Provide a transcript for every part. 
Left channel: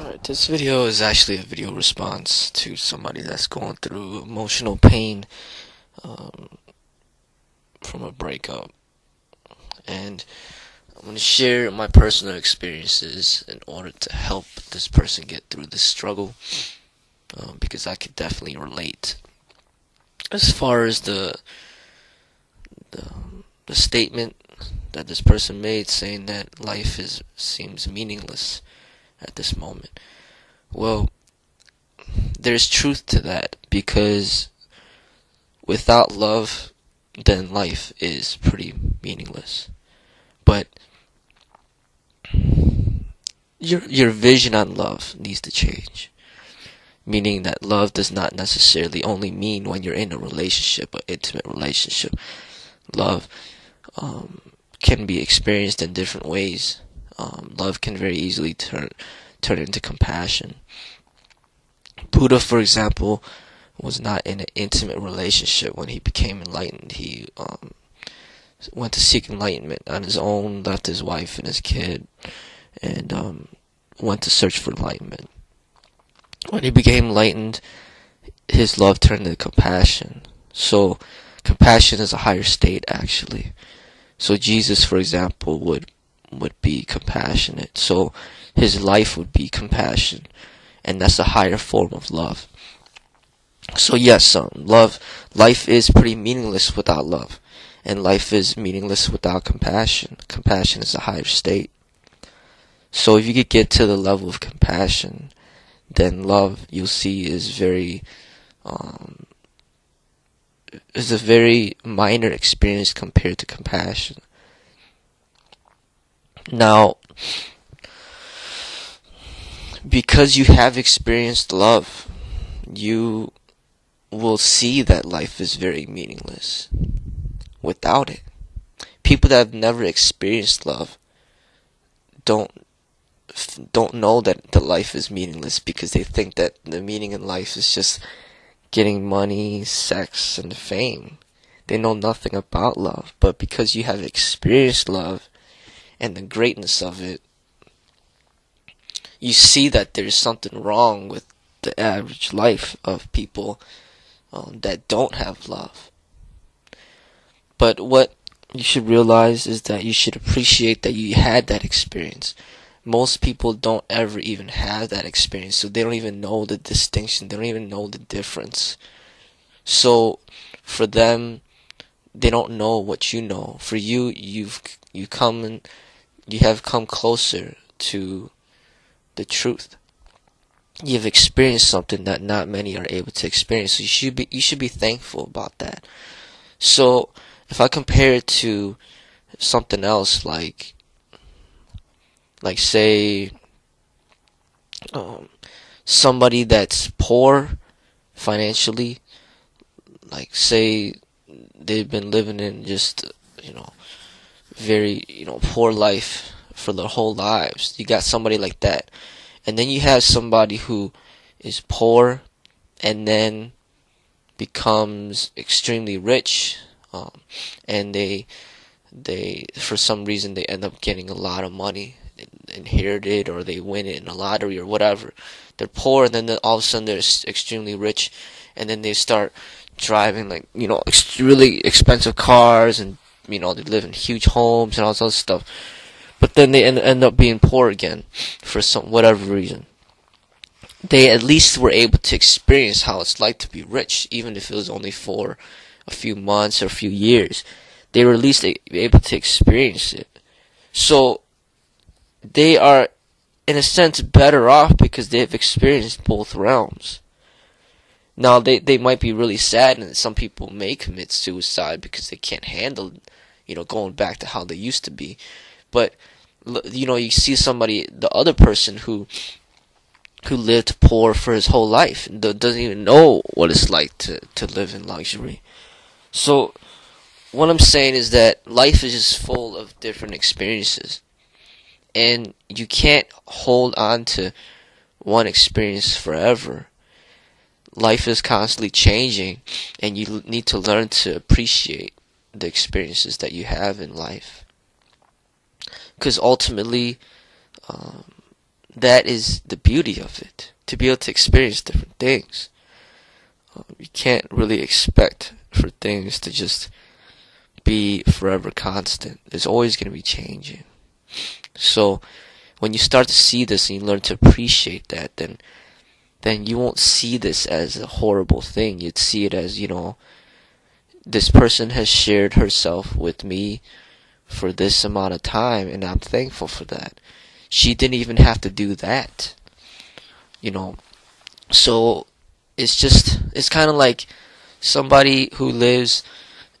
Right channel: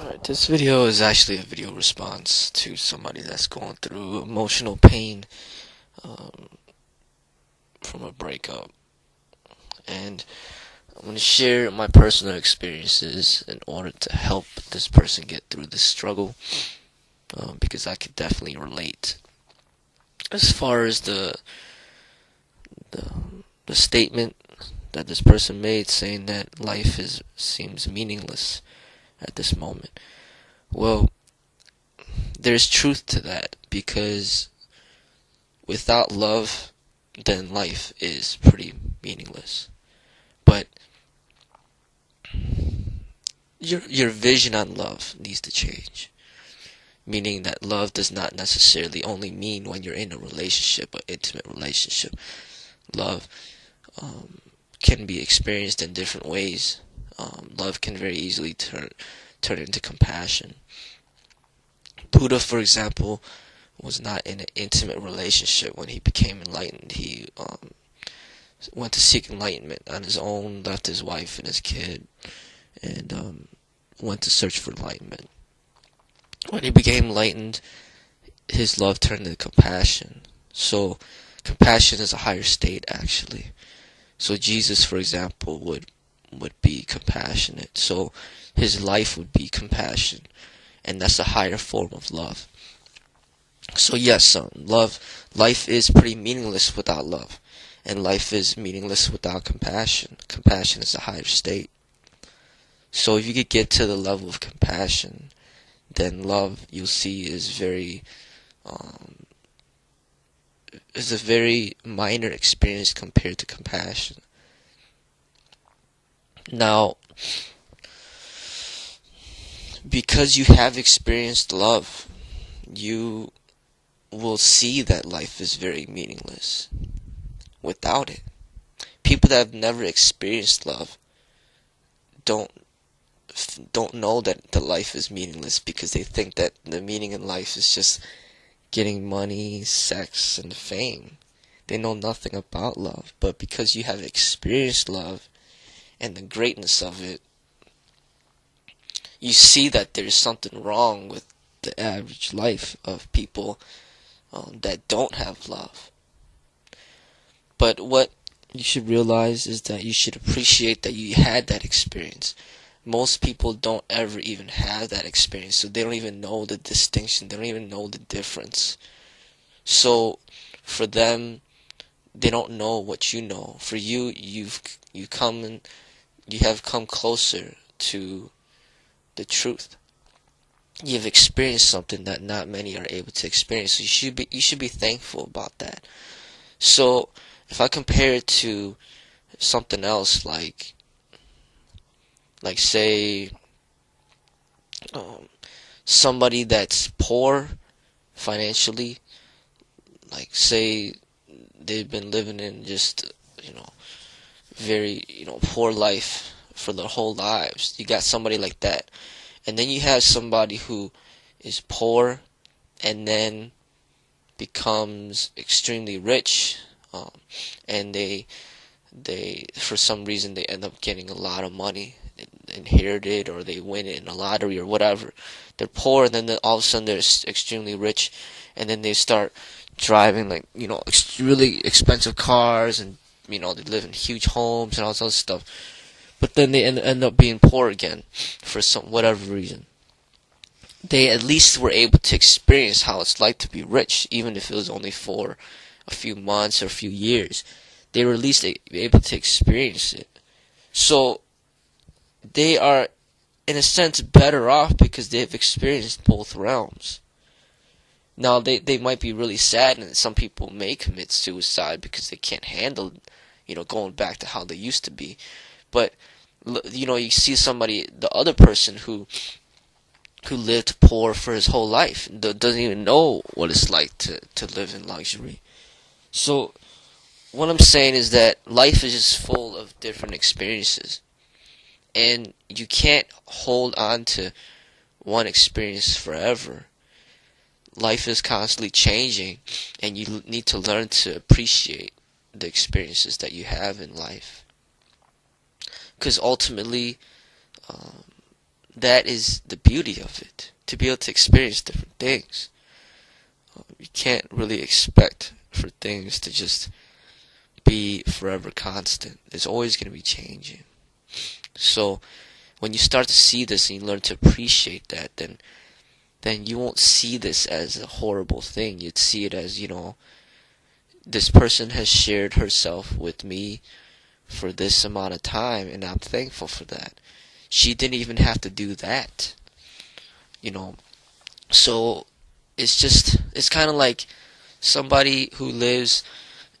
Alright, this video is actually a video response to somebody that's going through emotional pain um, from a breakup. And I'm going to share my personal experiences in order to help this person get through this struggle, because I could definitely relate. As far as the, the statement that this person made saying that life seems meaningless at this moment. Well, there's truth to that, because without love, then life is pretty meaningless. But your vision on love needs to change. Meaning that love does not necessarily only mean when you're in a relationship, an intimate relationship. Love can be experienced in different ways. Love can very easily turn into compassion. Buddha, for example, was not in an intimate relationship when he became enlightened. He went to seek enlightenment on his own, left his wife and his kid, and went to search for enlightenment. When he became enlightened, his love turned into compassion. So, compassion is a higher state, actually. So Jesus, for example, would be compassionate. So his life would be compassion, and that's a higher form of love. So yes, life is pretty meaningless without love, and life is meaningless without compassion. Compassion is a higher state. So if you could get to the level of compassion, then love, you'll see, is a very minor experience compared to compassion. Now, because you have experienced love, you will see that life is very meaningless without it. People that have never experienced love don't know that the life is meaningless, because they think that the meaning in life is just getting money, sex, and fame. They know nothing about love. But because you have experienced love and the greatness of it, you see that there's something wrong with the average life of people that don't have love. But what you should realize is that you should appreciate that you had that experience. Most people don't ever even have that experience, so they don't even know the distinction. They don't even know the difference. So for them, they don't know what you know. For you, you have come closer to the truth. You've experienced something that not many are able to experience. So you should be thankful about that. So if I compare it to something else, like say somebody that's poor financially, like say they've been living in just very poor life for their whole lives. You got somebody like that, and then you have somebody who is poor and then becomes extremely rich, and they for some reason they end up getting a lot of money, inherited, or they win it in a lottery or whatever. They're poor, and then all of a sudden they're extremely rich, and then they start driving really expensive cars, and they live in huge homes and all this other stuff. But then they end up being poor again for some whatever reason. They at least were able to experience how it's like to be rich, even if it was only for a few months or a few years. They were at least able to experience it. So they are, in a sense, better off because they have experienced both realms. Now, they might be really sad, and some people may commit suicide because they can't handle, going back to how they used to be. But, you see somebody, the other person who lived poor for his whole life, and doesn't even know what it's like to live in luxury. So, what I'm saying is that life is just full of different experiences. And you can't hold on to one experience forever. Life is constantly changing, and you need to learn to appreciate the experiences that you have in life. Because ultimately, that is the beauty of it, to be able to experience different things. You can't really expect for things to just be forever constant. There's always going to be changing. So when you start to see this and you learn to appreciate that, then you won't see this as a horrible thing. You'd see it as, this person has shared herself with me for this amount of time, and I'm thankful for that. She didn't even have to do that. So it's kind of like somebody who lives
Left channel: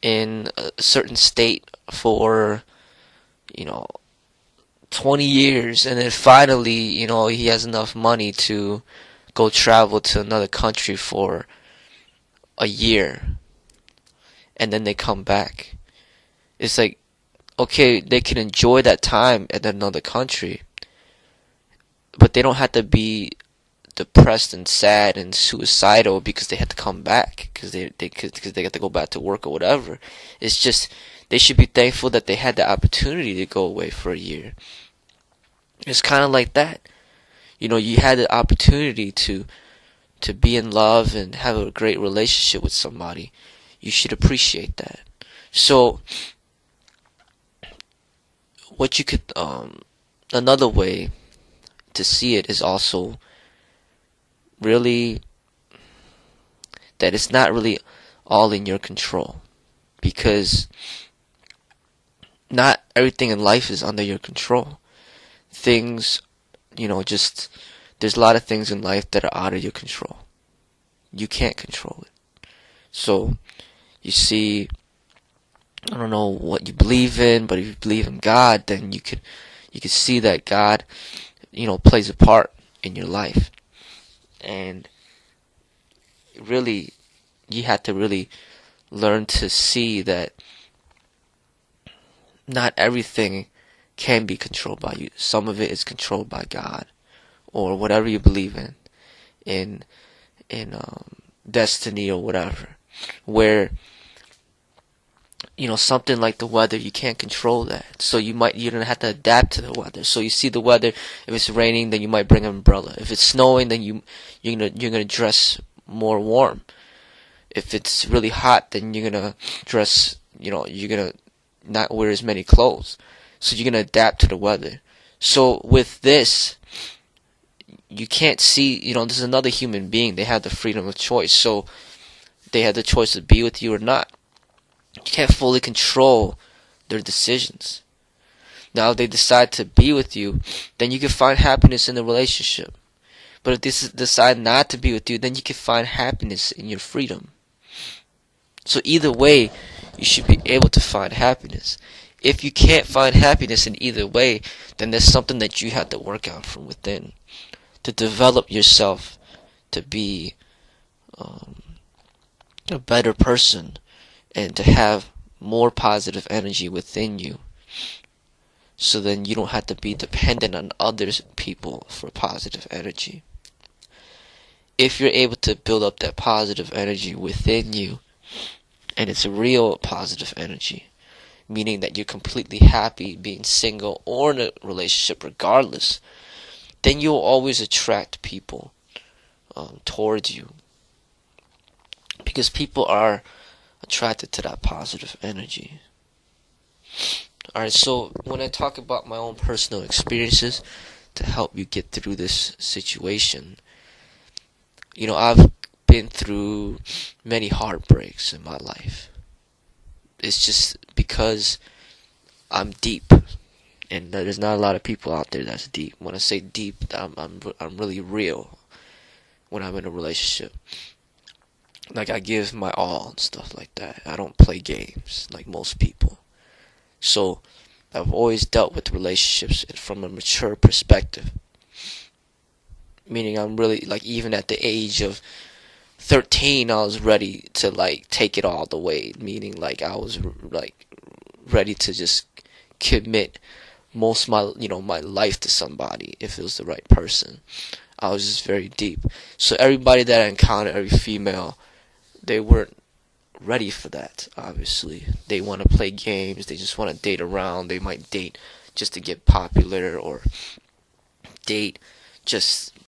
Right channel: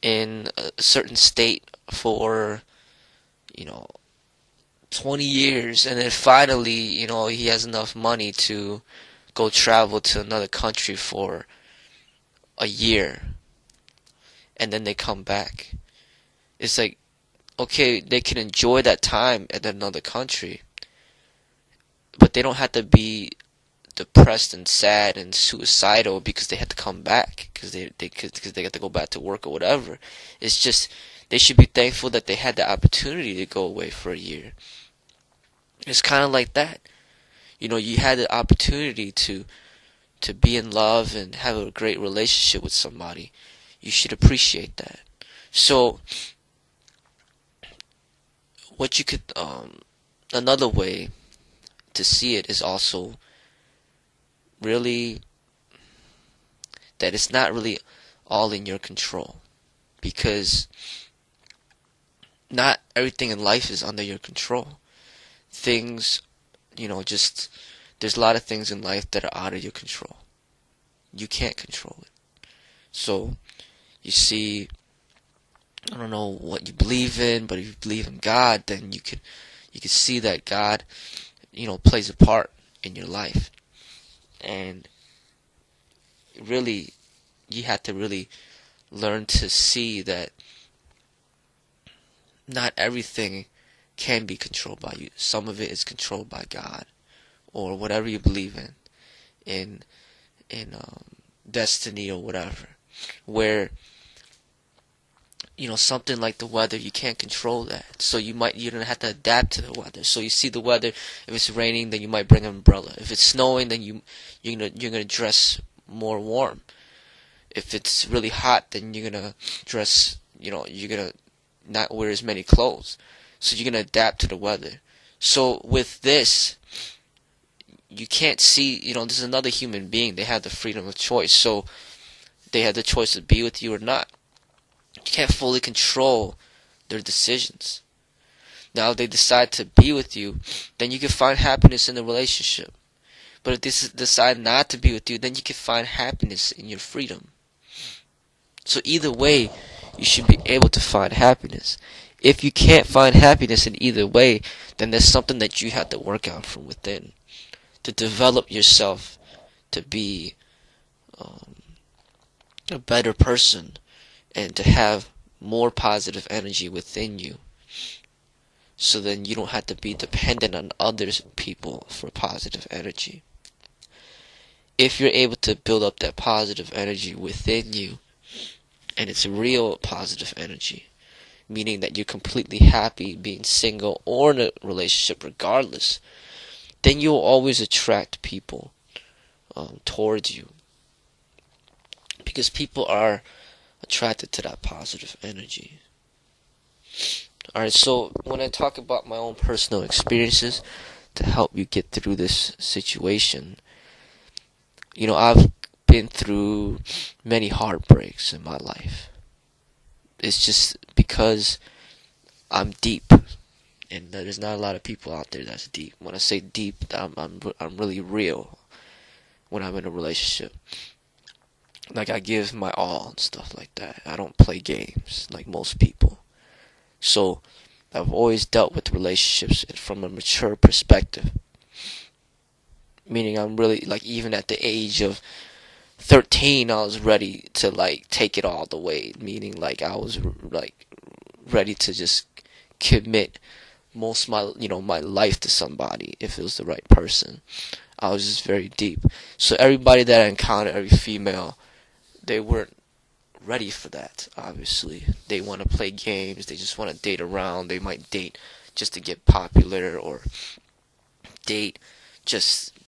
in a certain state for 20 years, and then finally he has enough money to go travel to another country for a year, and then they come back. It's like, okay, they can enjoy that time at another country, but they don't have to be depressed and sad and suicidal because they had to come back because they got to go back to work or whatever. It's just they should be thankful that they had the opportunity to go away for a year. It's kind of like that. You had the opportunity to be in love and have a great relationship with somebody. You should appreciate that. So what you could another way to see it is also really that it's not really all in your control, because not everything in life is under your control. Things, there's a lot of things in life that are out of your control. You can't control it. So you see, I don't know what you believe in, but if you believe in God, then you could see that God plays a part in your life. And really, you have to really learn to see that not everything can be controlled by you. Some of it is controlled by God, or whatever you believe in destiny or whatever. Where something like the weather, you can't control that. So you don't have to adapt to the weather. So you see the weather, if it's raining, then you might bring an umbrella. If it's snowing, then you're gonna dress more warm. If it's really hot, then you're gonna dress, you're gonna not wear as many clothes. So you're gonna adapt to the weather. So with this, you can't see, this is another human being. They have the freedom of choice. So they have the choice to be with you or not. You can't fully control their decisions. Now, if they decide to be with you, then you can find happiness in the relationship. But if they decide not to be with you, then you can find happiness in your freedom. So either way, you should be able to find happiness. If you can't find happiness in either way, then there's something that you have to work out from within to develop yourself to be a better person, and to have more positive energy within you. So then you don't have to be dependent on other people for positive energy. If you're able to build up that positive energy within you, and it's a real positive energy, meaning that you're completely happy being single or in a relationship regardless, then you'll always attract people towards you. Because people are attracted to that positive energy. Alright, so when I talk about my own personal experiences to help you get through this situation, I've been through many heartbreaks in my life. It's just because I'm deep, and there's not a lot of people out there that's deep. When I say deep, I'm really real when I'm in a relationship. Like, I give my all and stuff like that. I don't play games like most people. So I've always dealt with relationships from a mature perspective. Meaning I'm really, even at the age of 13, I was ready to, take it all the way. Meaning, I was, ready to just commit most of my life to somebody if it was the right person. I was just very deep. So everybody that I encountered, every female, they weren't ready for that, obviously. They want to play games. They just want to date around. They might date just to get popular, or date just